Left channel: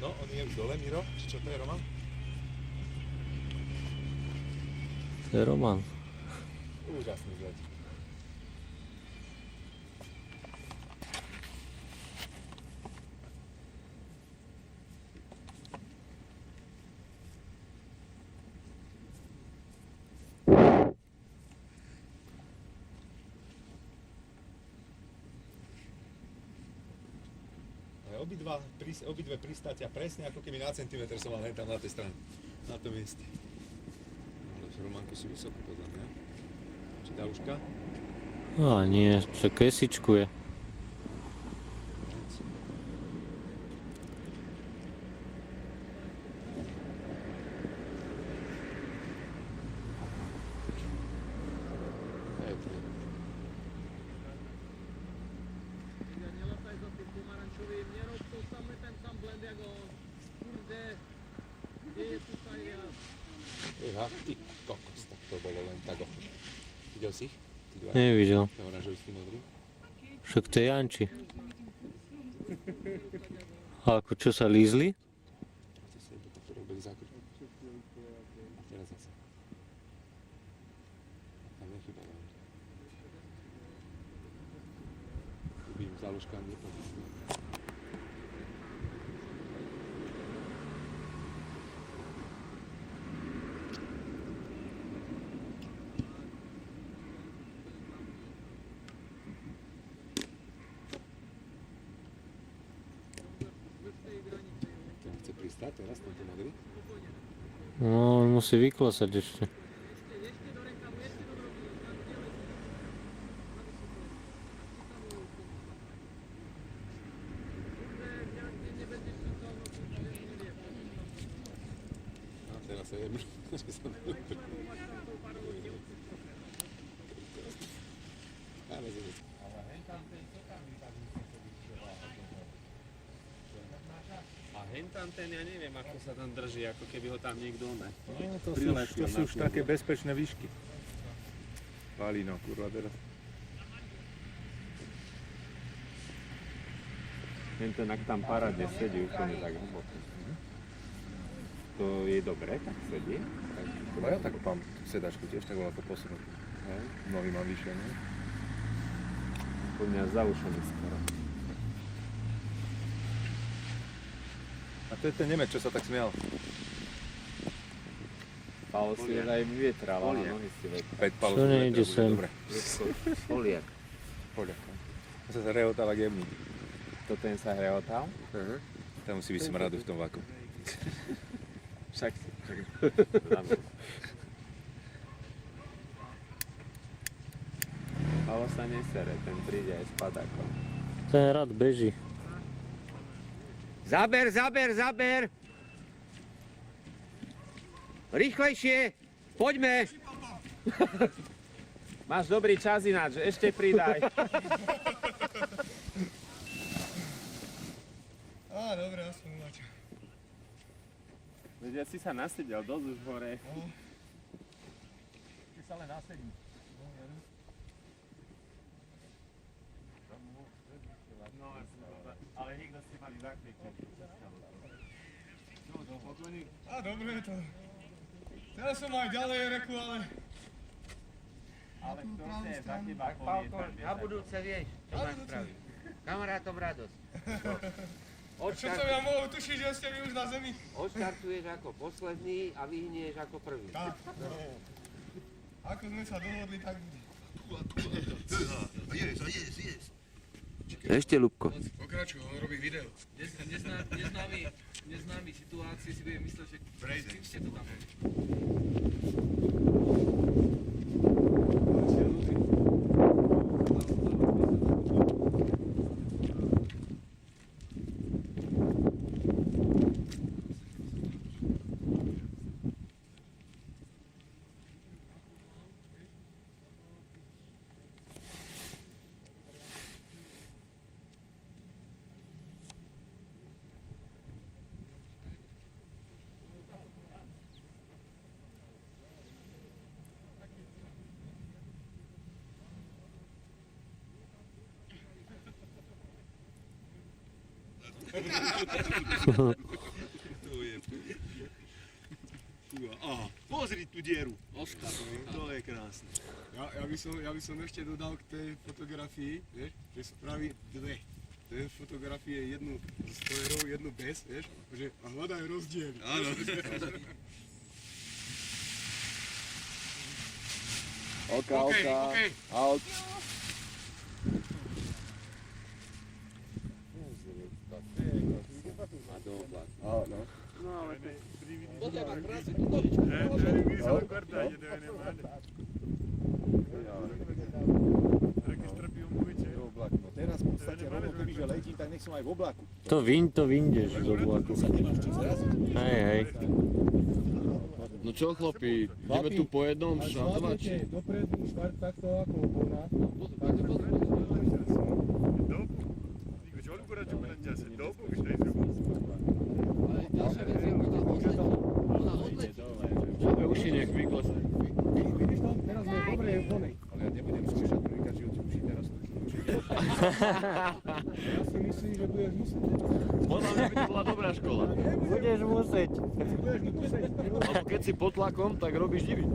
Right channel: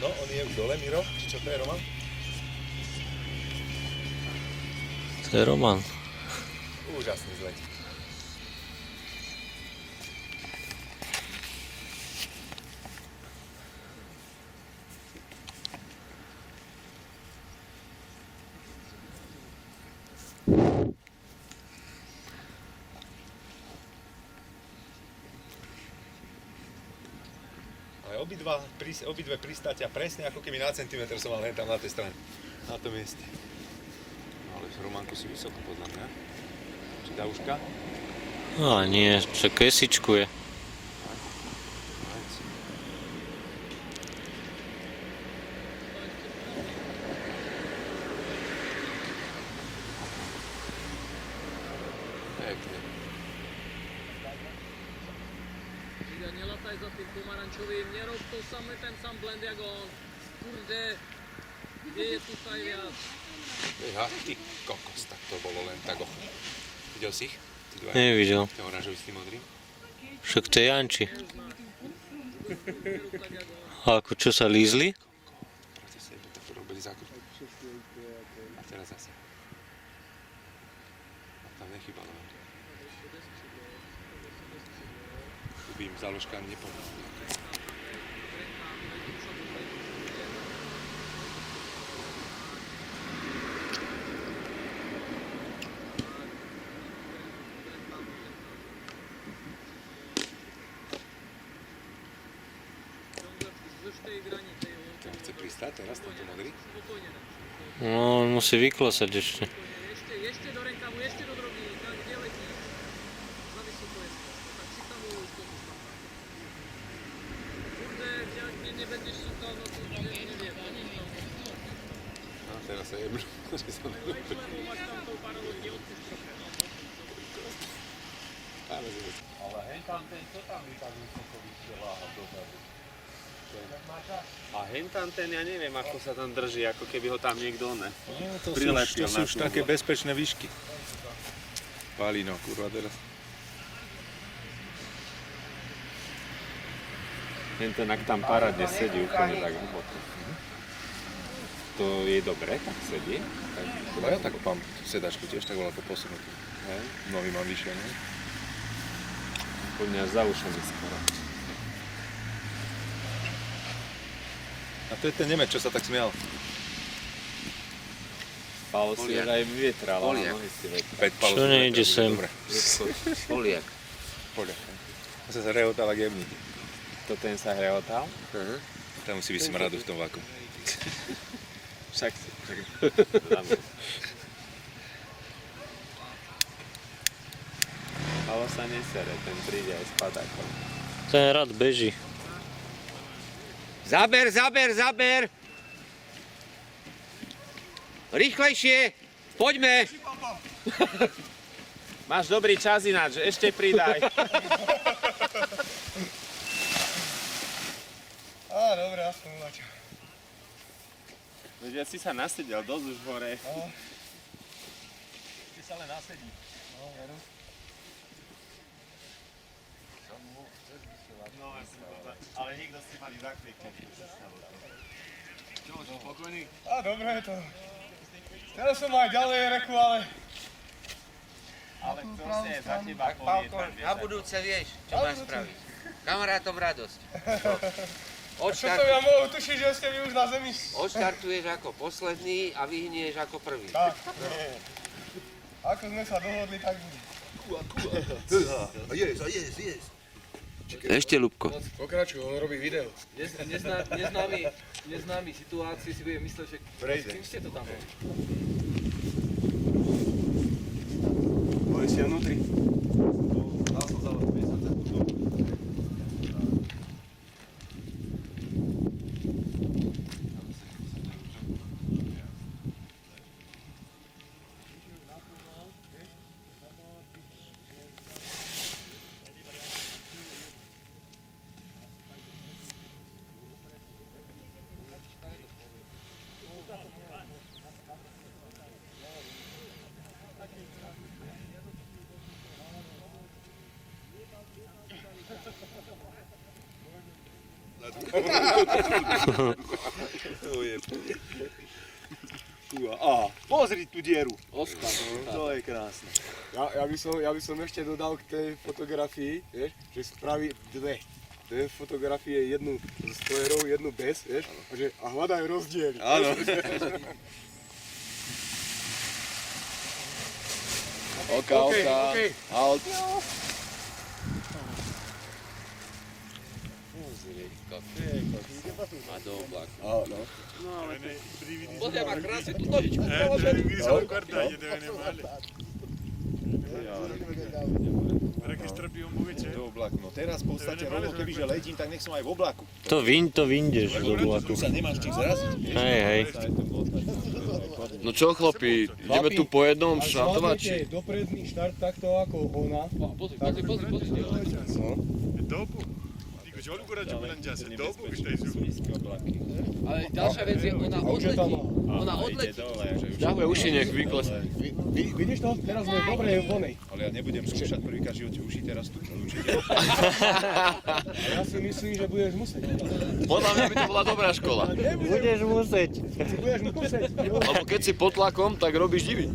No, on je už dole, Miro? Či čo to je, Roman? To je Roman. Úžasný zlet. Ale obidve pristátia presne ako keby na centimetr som mal tam na tej strane. Na tom mieste. No ale Romanko si vysoko podľa mňa. Či dá uška? A nie, čo kesičkuje. Ajc. Pekne. Nelataj za tým pomarančovým, nerob to samý ten sám blend jak on. Kurde, kde je tu viac? Eha, ty kokos, tak to bolo len tak ocho. Videl si ich? Ty dva. Nevidel. Ten oranžový s tým modrým? Však to je Janči. A ako čo sa lízli? Proti sebe, tak to robili zákrut. A teraz zase. A tam nechybalo. Tu by im záložka nepomohla. Ten chce pristať teraz, tento modrý? No, on musí vyklosať ešte. Ešte do rekamu, ešte do drogy, kde letí? Na vysoko je skôr, tak si tam už to Kurde, keď nebudeš súkal, no to neviem. A teraz sa jebnú, že sa nelúbi. Ale hen tam ten, čo tam vy tak vysoko vysielaha dozadu? A hentam ten, ja neviem, ako sa tam drží, ako keby ho tam niekto Nie, to prilepil sú na už tú také hru. bezpečné výšky. Palino, kurva, teraz. Tento ak tam parádne sedí úplne tak hlboko. To je dobre, tak sedí. No ja tak mám sedačku tiež, tak bolo to posunuté. Hej. Nový mám vyššie, ne? Úplne až za ušami skoro. A to je ten Nemec, čo sa tak smial. Paolo si už aj vyvietral, ale Poliak. nohy si vyvietral. Čo nejde sem? Poliak. Poďa. To sa rehotala jemný. To ten sa hrehotal? Tam musí byť smradu v tom vaku. Však si. Paolo sa nesere, ten príde aj spadá. Ten rád beží. Zaber, zaber, zaber! Rýchlejšie! Poďme! Máš dobrý čas ináč, ešte pridaj. Á, dobre, aspoň uvača. Veď ja si sa nasedel dosť už hore. Ty sa len nasedí. No, veru. Ale nikto si mali zakrieknúť. Spokojný? Á, dobre je to. Teraz som aj ďalej reku, ale... Ale tú kto pravú si je za stranu. teba Pálko, povie, na budúce vieš, čo Na máš budúce. spraviť. Kamarátom radosť. A čo som ja mohol tušiť, že ste vy už na zemi? Odštartuješ ako posledný a vyhnieš ako prvý. Tak. Ako sme sa dohodli, tak bude. Ešte, Ľubko. Pokračuj, on robí video. Neznámy situácii si bude mysleť, že Prejde. ste to tam boli. Boli ste vnútri. To je... Á, pozri tú dieru. Oskar. To je krásne. Ja by som ešte dodal k tej fotografii, vieš, že spraví dve fotografie, jednu s stojerou, jednu bez, vieš, a hľadajú rozdiely. Áno. OK. A do oblaku. Áno. Pozri, má krásne tú nožičku. Do oblaku. No teraz v podstate rovno, kebyže letím, tak nech som aj v oblaku. To vyndeš do oblaku. Tu sa nemáš čím zraziť. Hej. No čo chlapi, ideme tu po jednom štartovať? Zvládnete dopredný štart takto ako ona. Pozri. Ale ďalšia vec je, ona odletí. Ona odletí. Dáme uši, nech vyklesne. Vidíš to? Teraz sme dobre vonej. Ale ja nebudem skúšať prvýkrát v živote uši, teraz tu určite. A ja si myslím, že budeš musieť. Podľa mňa by to bola dobrá škola. Budeš musieť. Budeš musieť. Lebo keď si pod tlakom, tak robíš divy.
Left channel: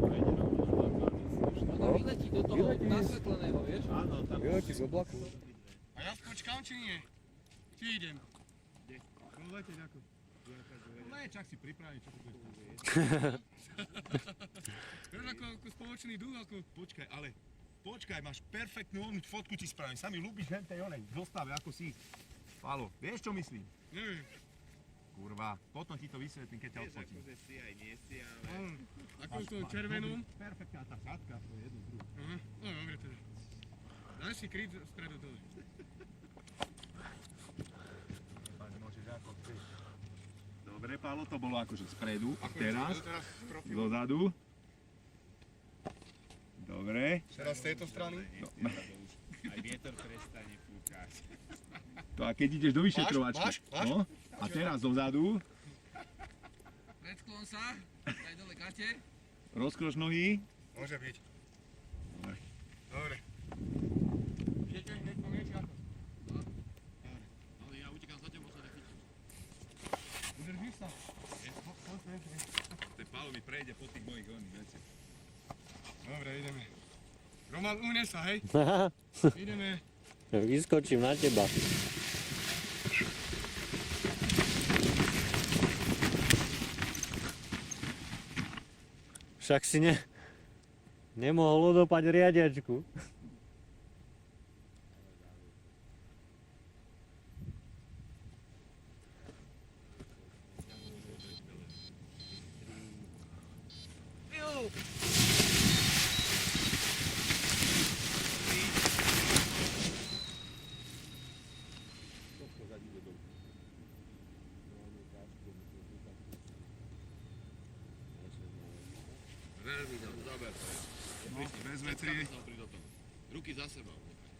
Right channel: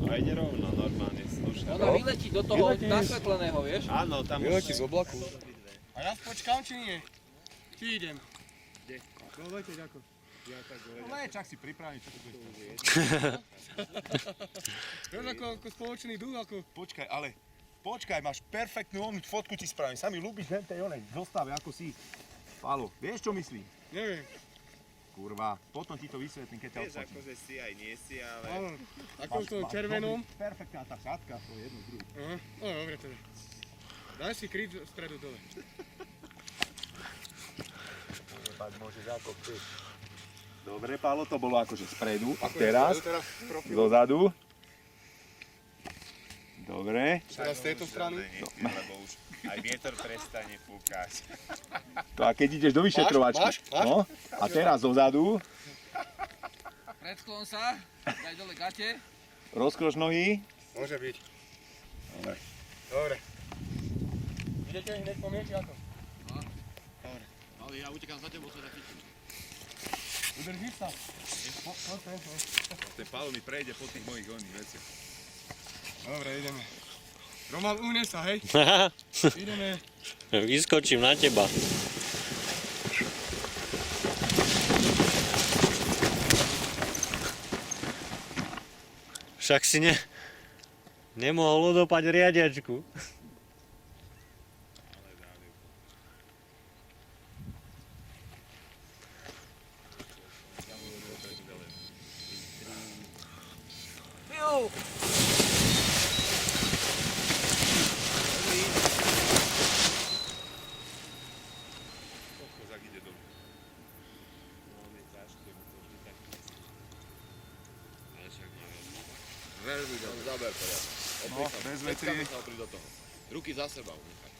To aj nerovná normálne. Ona vyletí do toho nasvetleného, vieš? Áno, tam Vyletí z oblaku. A ja počkám, či nie? Či idem? Kde? No leteť ako. Ja tak dovedem. No čak si pripraviť, čo tu bude. Vieš ako spoločný duch, ako... Počkaj, máš perfektnú onú fotku ti spravím. Sa mi ľúbiš len tej onej zostave, ako si. Pálo, vieš čo myslím? Neviem. Kurva, potom ti to vysvetlím, keď ťa odfotím. akože si aj nie si, ale... Áno. Ako v tom červenom. Perfektná tá šatka, to je jedno druhé. Aha. No dobre teda. Daj si kryt spredu dole. Môžeš ako chceš. Dobre, Pálo, to bolo akože spredu. A teraz dozadu. Dobre. Teraz z tejto strany. Lebo už aj vietor prestane fúkať. To a keď ideš do vyšetrovačky. Máš? No, a teraz dozadu. Predsklon sa, daj dole gate. Rozkroč nohy. Môže byť. Dobre. Idete hneď po mne, či ako? Ale ja utekám za tebou, sa chytím. Udržíš sa? Ten Pálo mi prejde po tých mojich oných veciach. Dobre, ideme. Roman, uhne sa, hej? Ideme. Vyskočím na teba. Však si nemohol odopať riadiačku. Veľmi dobre, záber poriadne. Opri sa, bez peckáme vetrie. sa opri do toho. Ruky za seba unechaj.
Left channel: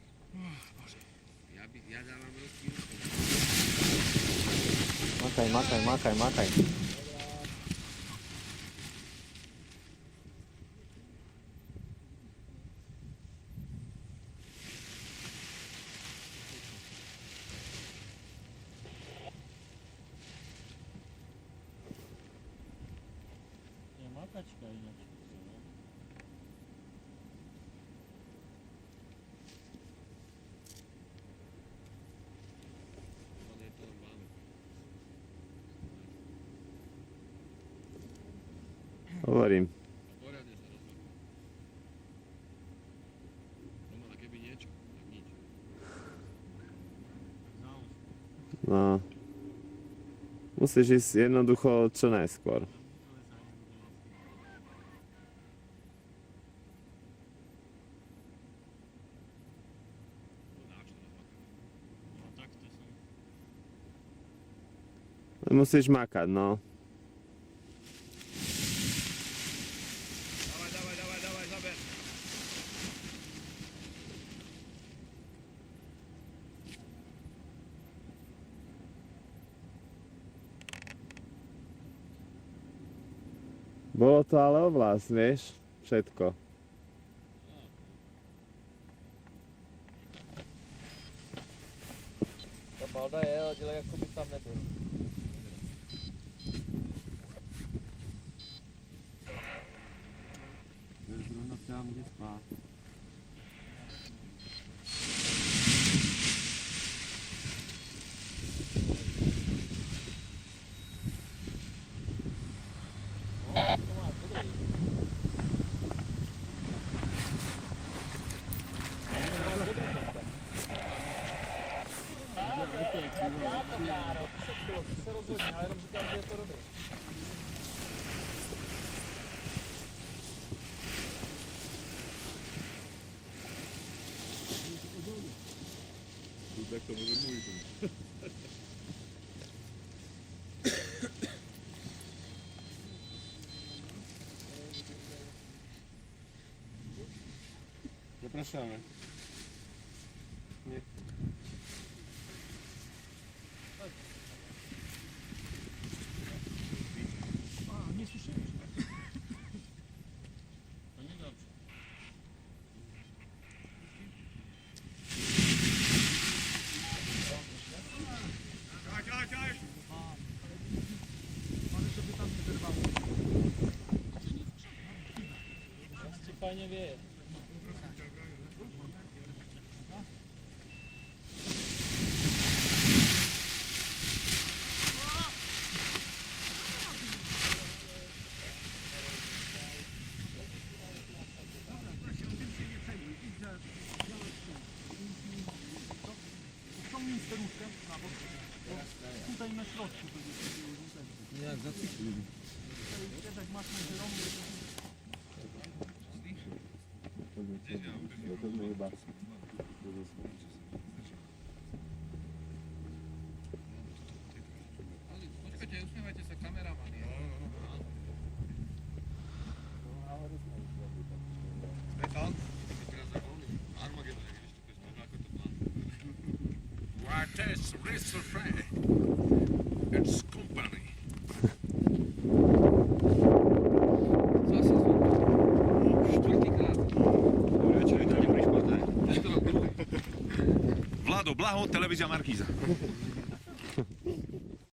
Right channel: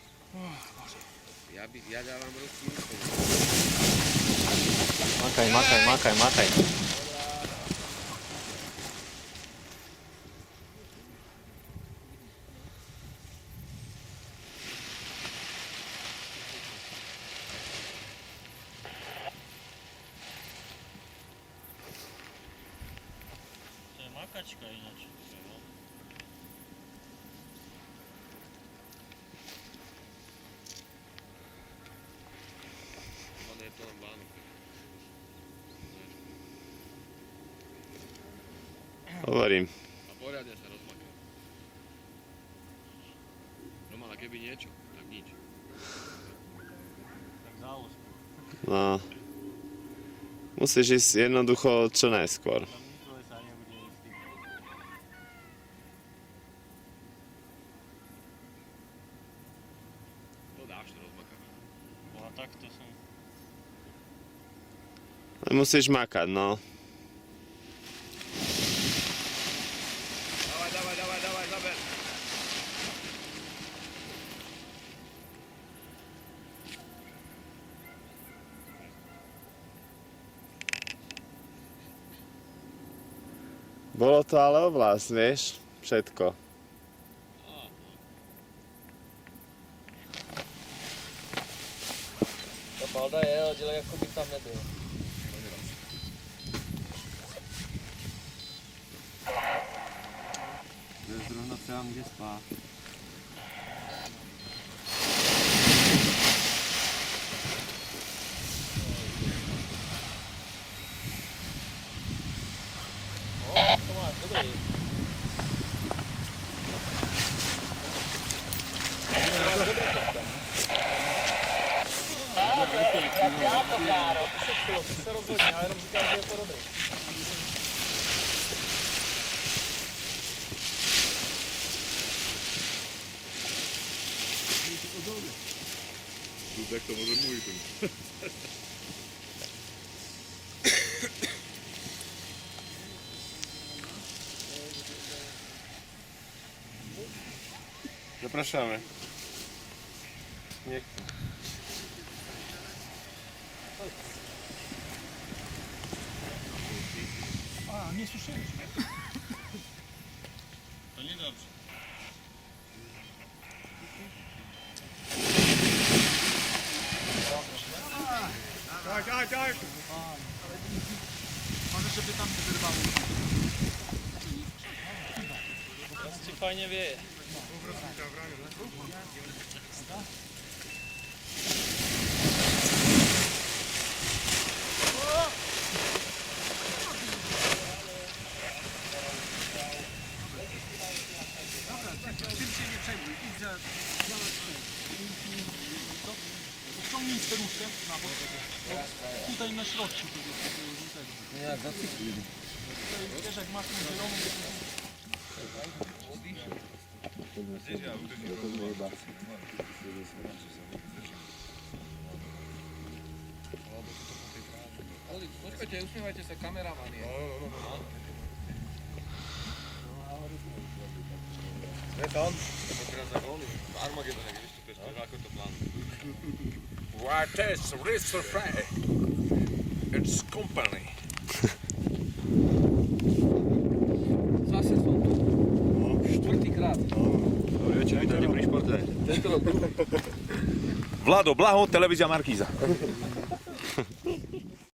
Ja dávam ruky. Makaj. To je makačka ináč. Je to len Vánok. Hovorím. A poriadne sa rozmakaj. Roman, a keby niečo, tak nič. Tak záložku. No. Musíš ísť jednoducho čo najskôr. Tam nikto sa nebude ísť tým. To dáš, to rozmakáš. Boha, takto som... Ale musíš makať, no. Dávaj, zaber. Bolo to ale oblasť, vieš? Všetko. Pravda je, že jako bych tam nebyl. To je zrovna tam, kde spá. To máš, dobrý. Ty se rozhodně, já jenom říkám, že je to dobrý. Tak to może mój ten. Zapraszamy. A, nie słyszeliśmy. To niedobrze. Może żeby tam nie wyrwało. Teraz ci fajnie wieje. Tutaj na środku. Nie, jak zacykli. Počkajte, usmievajte sa, kameraman je. Sme tam? To teraz za góny. Armagedon, jak vystúpeš, to ako to plánuje. What is Richard Frey? It's company. Zase som tu. Štvrtýkrát. Dobre, čo vítajte pri športe. Vlado, Blaho, televízia Markíza.